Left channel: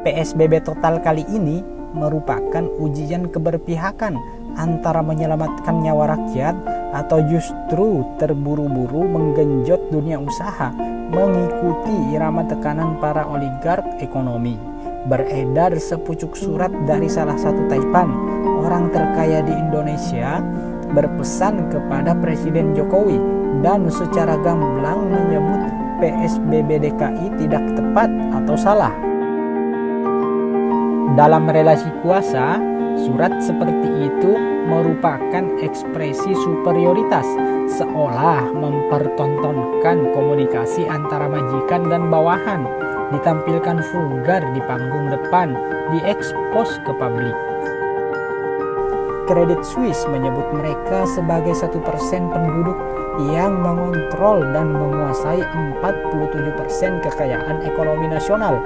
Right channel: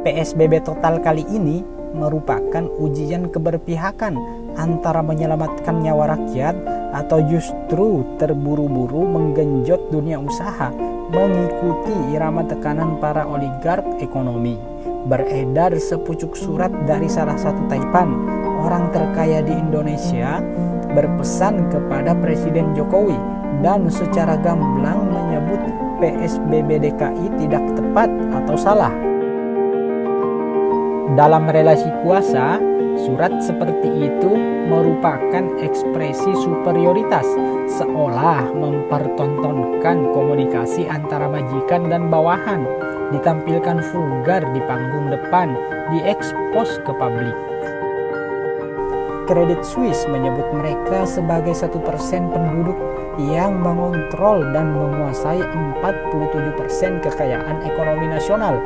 PSBB total kali ini merupakan ujian keberpihakan antara menyelamatkan nyawa rakyat atau justru terburu-buru menggenjot dunia usaha mengikuti irama tekanan para oligark ekonomi. Beredar sepucuk surat dari salah satu taipan orang terkaya di Indonesia berpesan kepada Presiden Jokowi dan secara gamblang menyebut PSBB DKI tidak tepat atau salah. Dalam relasi kuasa, surat seperti itu merupakan ekspresi superioritas, seolah mempertontonkan komunikasi antara majikan dan bawahan, ditampilkan vulgar di panggung depan, diekspos ke publik. Credit Suisse menyebut mereka sebagai 1% penduduk yang mengontrol dan menguasai 47% kekayaan ekonomi nasional.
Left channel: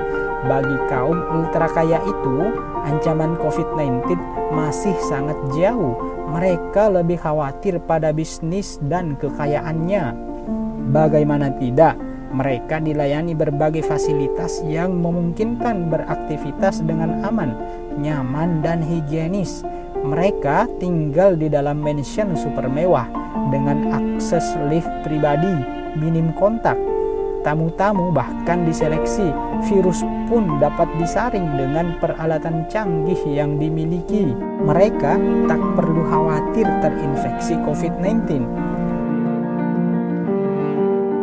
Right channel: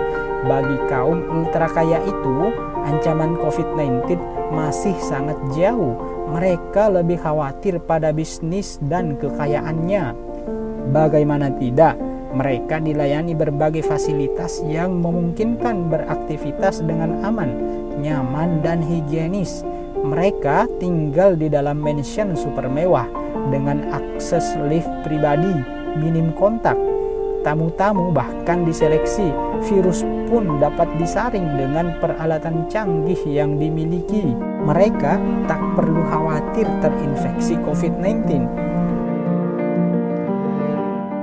Bagi kaum ultra kaya itu, ancaman COVID-19 masih sangat jauh. Mereka lebih khawatir pada bisnis dan kekayaannya. Bagaimana tidak, mereka dilayani berbagai fasilitas yang memungkinkan beraktivitas dengan aman, nyaman, dan higienis. Mereka tinggal di dalam mansion super mewah dengan akses lift pribadi, minim kontak. Tamu-tamu bahkan diseleksi, virus pun dapat disaring dengan peralatan canggih yang dimiliki. Mereka tak perlu khawatir terinfeksi COVID-19.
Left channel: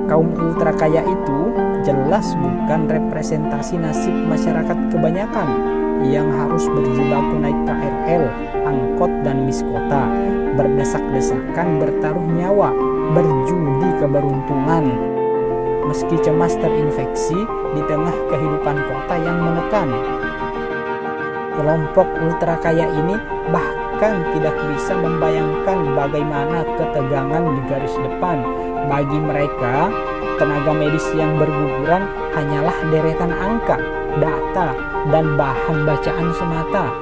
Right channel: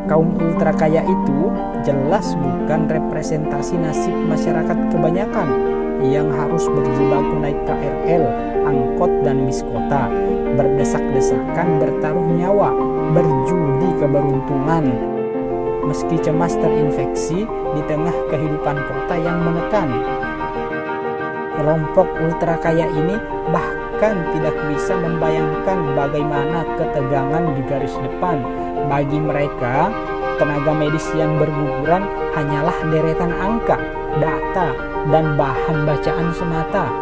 Kaum ultra kaya itu jelas bukan representasi nasib masyarakat kebanyakan yang harus berjibaku naik KRL, angkot, dan bis kota, berdesak-desakan bertaruh nyawa, berjudi keberuntungan, meski cemas terinfeksi di tengah kehidupan kota yang menekan. Kelompok ultra kaya ini bahkan tidak bisa membayangkan bagaimana ketegangan di garis depan. Bagi mereka, tenaga medis yang berguguran hanyalah deretan angka, data, dan bahan bacaan semata.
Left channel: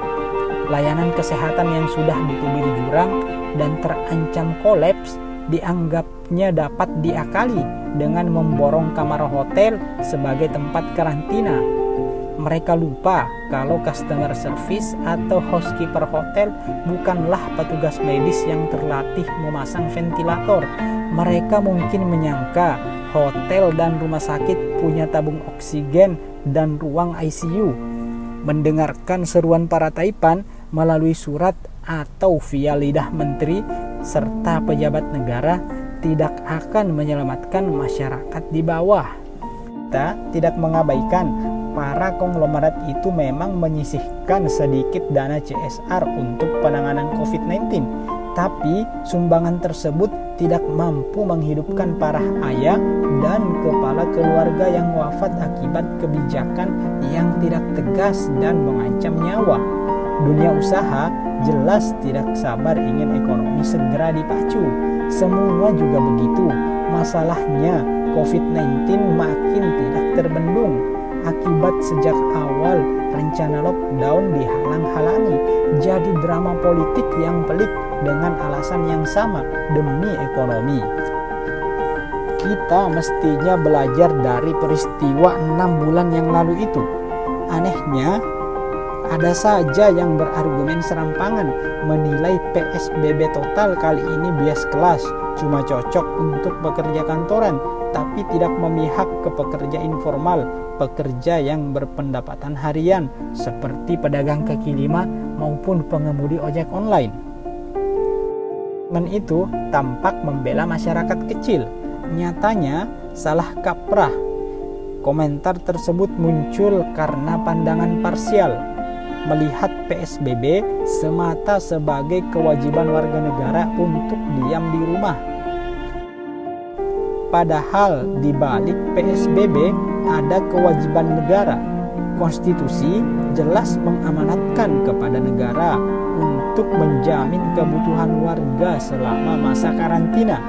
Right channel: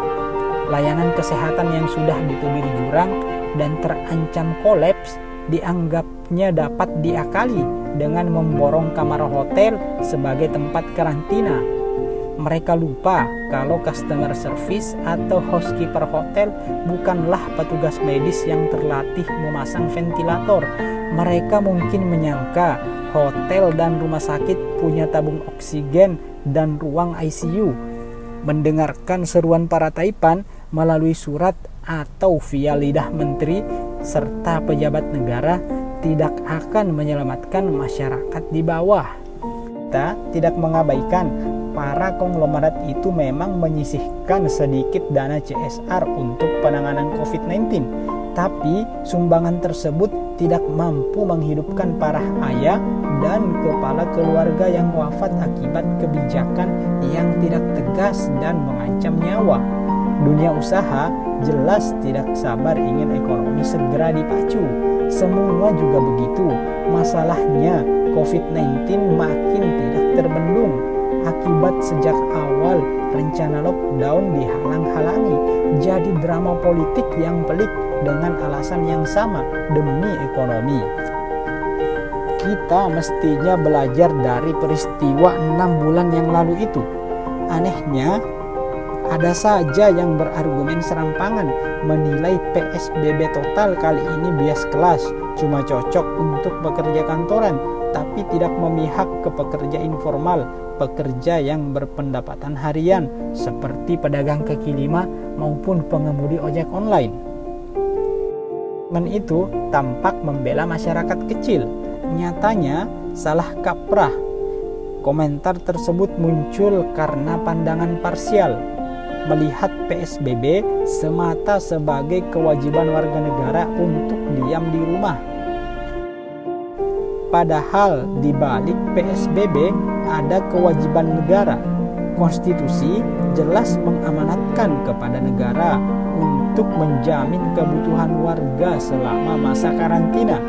Layanan kesehatan yang sudah ditubir jurang dan terancam kolaps dianggapnya dapat diakali dengan memborong kamar hotel sebagai tempat karantina. Mereka lupa kalau customer service atau housekeeper hotel bukanlah petugas medis yang terlatih memasang ventilator. Mereka mungkin menyangka hotel dan rumah sakit punya tabung oksigen dan ruang ICU. Mendengarkan seruan para taipan melalui surat atau via lidah menteri serta pejabat negara tidak akan menyelamatkan masyarakat di bawah. Kita tidak mengabaikan para konglomerat itu memang menyisihkan sedikit dana CSR untuk penanganan COVID-19, tapi sumbangan tersebut tidak mampu menghidupkan para ayah dan kepala keluarga yang wafat akibat kebijakan yang tidak tegas dan mengancam nyawa. Dunia usaha jelas tidak sabar ingin ekonomi segera dipacu. Semua juga begitu. Masalahnya COVID-19 makin tidak terbendung. Akibat sejak awal rencana lockdown dihalang-halangi. Jadi drama politik yang pelik dengan alasan yang sama, demi ekonomi. Kita mestinya belajar dari peristiwa 6 bulan yang lalu itu. Anehnya, ada saja yang berargumen serampangan menilai PSBB total kali ini bias kelas, cuma cocok untuk pekerja kantoran, tapi tidak memihak ke pekerja informal, pekerja yang berpendapatan harian, seperti pedagang kaki lima maupun pengemudi ojek online. Itu tampak membela masyarakat kecil, nyatanya salah kaprah. Komentar tersebut muncul karena pandangan parsial, melihat PSBB semata sebagai kewajiban warga negara untuk diam di rumah. Padahal di balik PSBB ada kewajiban negara. Konstitusi jelas mengamanatkan kepada negara untuk menjamin kebutuhan warga selama masa karantina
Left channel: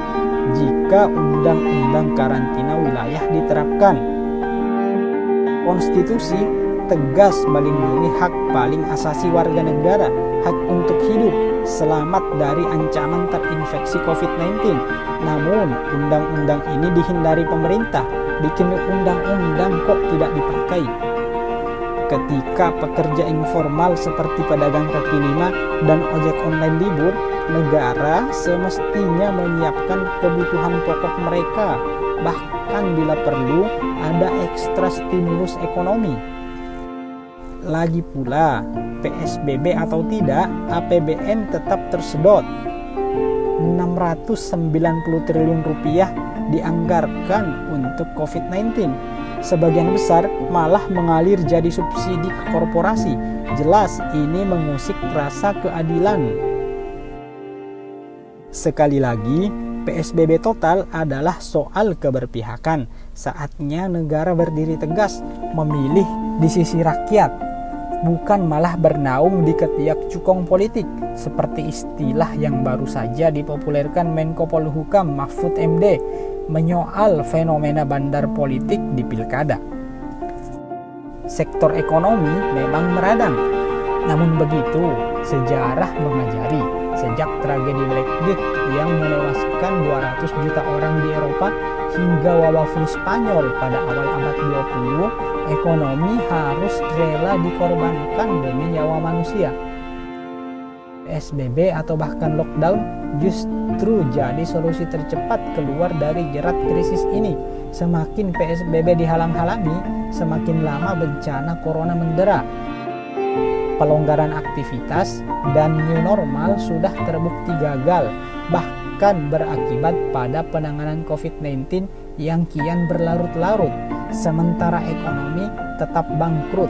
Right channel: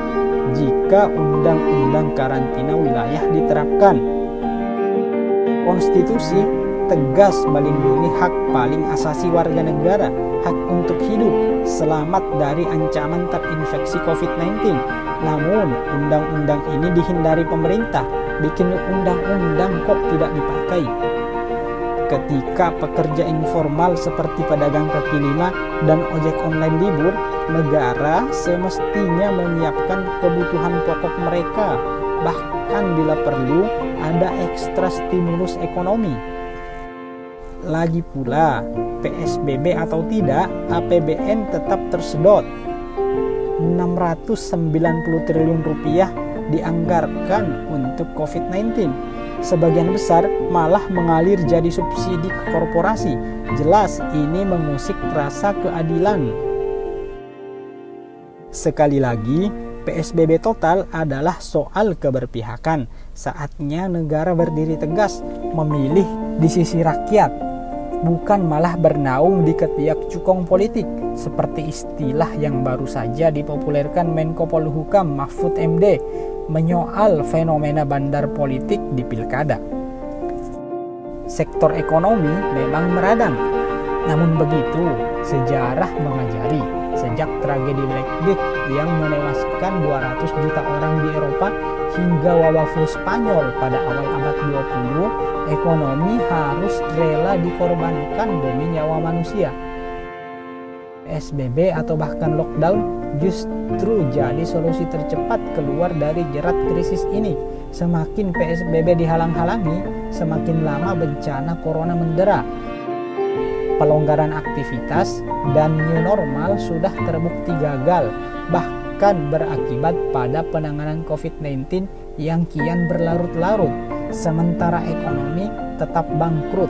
jika undang-undang karantina wilayah diterapkan. Konstitusi tegas melindungi hak paling asasi warga negara, hak untuk hidup, selamat dari ancaman terinfeksi COVID-19. Namun, undang-undang ini dihindari pemerintah. Bikin undang-undang kok tidak dipakai. Ketika pekerja informal seperti pedagang kaki lima dan ojek online libur, negara semestinya menyiapkan kebutuhan pokok mereka. Bahkan bila perlu, ada ekstra stimulus ekonomi. Lagi pula, PSBB atau tidak, APBN tetap tersedot. 690 triliun rupiah dianggarkan untuk COVID-19. Sebagian besar malah mengalir jadi subsidi ke korporasi. Jelas ini mengusik rasa keadilan. Sekali lagi, PSBB total adalah soal keberpihakan. Saatnya negara berdiri tegas, memilih di sisi rakyat, bukan malah bernaung di ketiak cukong politik, seperti istilah yang baru saja dipopulerkan Menko Polhukam Mahfud MD menyoal fenomena bandar politik di pilkada. Sektor ekonomi memang meradang, namun begitu sejarah mengajari sejak tragedi Black Death yang menewaskan 200 juta orang di Eropa hingga wabah flu Spanyol pada awal abad 20, ekonomi harus rela dikorbankan demi nyawa manusia. PSBB atau bahkan lockdown justru jadi solusi tercepat keluar dari jerat krisis ini. Semakin PSBB dihalang-halangi, semakin lama bencana corona mendera. Pelonggaran aktivitas dan new normal sudah terbukti gagal, bahkan berakibat pada penanganan COVID-19 yang kian berlarut-larut, sementara ekonomi tetap bangkrut.